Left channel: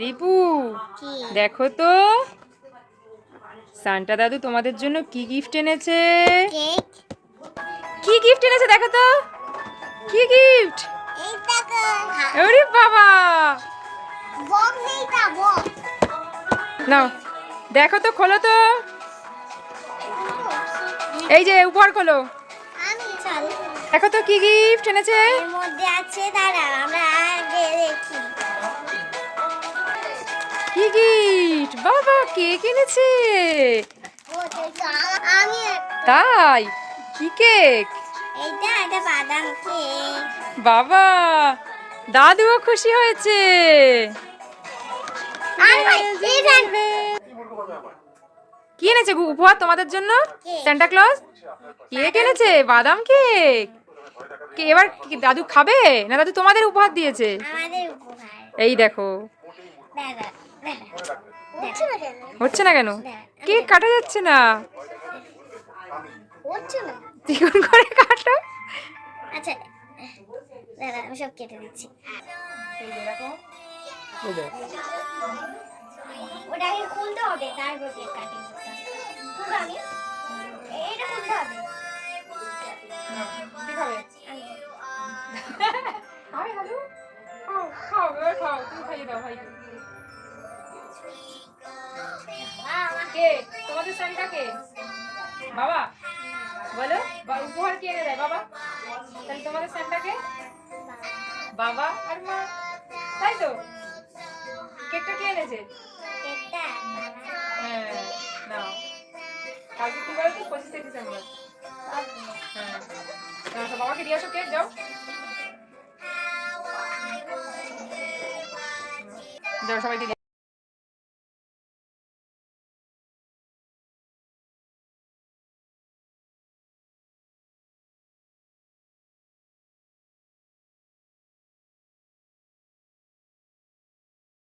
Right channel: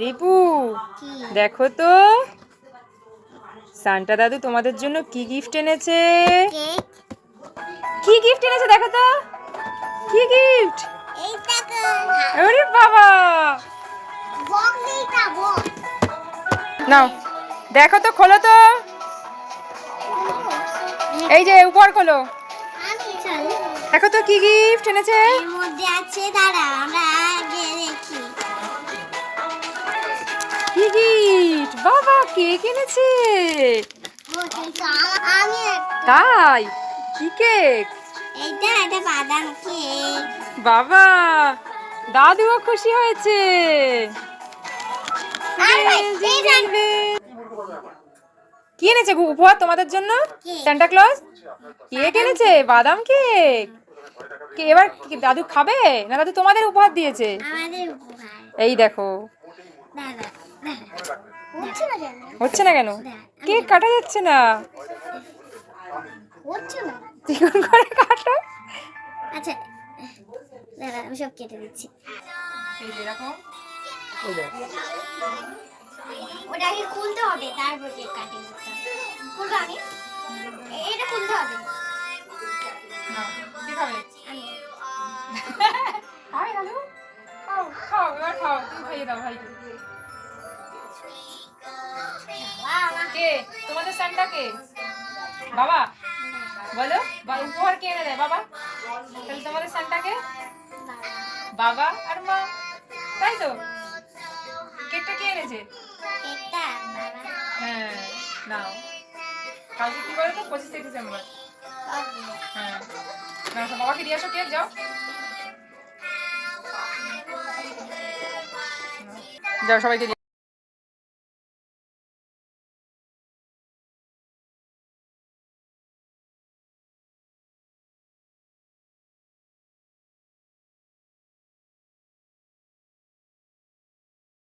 রিপু দেখো তো সান্টা দাদু তোমাদের জন্য কি গিফট এনেছে। কি গিফট এনেছে দেখো তো, কি গিফট? আরে বাবা, নাও দেখো তো, খোলো তো, এই যে উপর খোলো, দেখো তো কি গিফট এনেছে। এর মধ্যে আছে, দাঁড়া আমরা আগে দেখি কি গিফট। বাবা কেক এনেছে। তাই? কি কেক? এইটা একটা বাদাম কেক। বাবা দাদুও খুশি হয়েছে। কি এনেছে উপহার তোমাদের জন্য? সান্টা ক্লজ কেক এনেছে, বাদাম কেক। এবার দাদু খাবে না দাদু তোমাদের উপহার দিয়েছে? আমাদের উপহার। এই দেখো, হচ্ছে না কেন? কেক কাটা যাচ্ছে না। হচ্ছে না, চিকন করে কাটো। আচ্ছা দাঁড়া আমি সব কেটে দিচ্ছি। এই যে এরকম, ওটাকে খুলতে হবে, তারপর কেক কাটিং করতে হবে। খুলবো আমি, এটা খুলতে হবে। কি খাবে? আমি খাবে দাদু? খাও খাও, এবার খাও, তুমি খাইয়ে দাও ভাই। কে তোমাদের সান্টা? কে বাবা? বলো উপহার কে এনে দেয়? বাবা। তাহলে তোমাদের সান্টা কে? বাবা আর মা, তাই তো? কেকটা কে এনেছে? কেকটা বাবা। হ্যাঁ নাও, কালকে কি বলো তো? 25শে ডিসেম্বর। হ্যাঁ বাবাকে দিয়ে আসো কেক, যাও যাও সবাইকে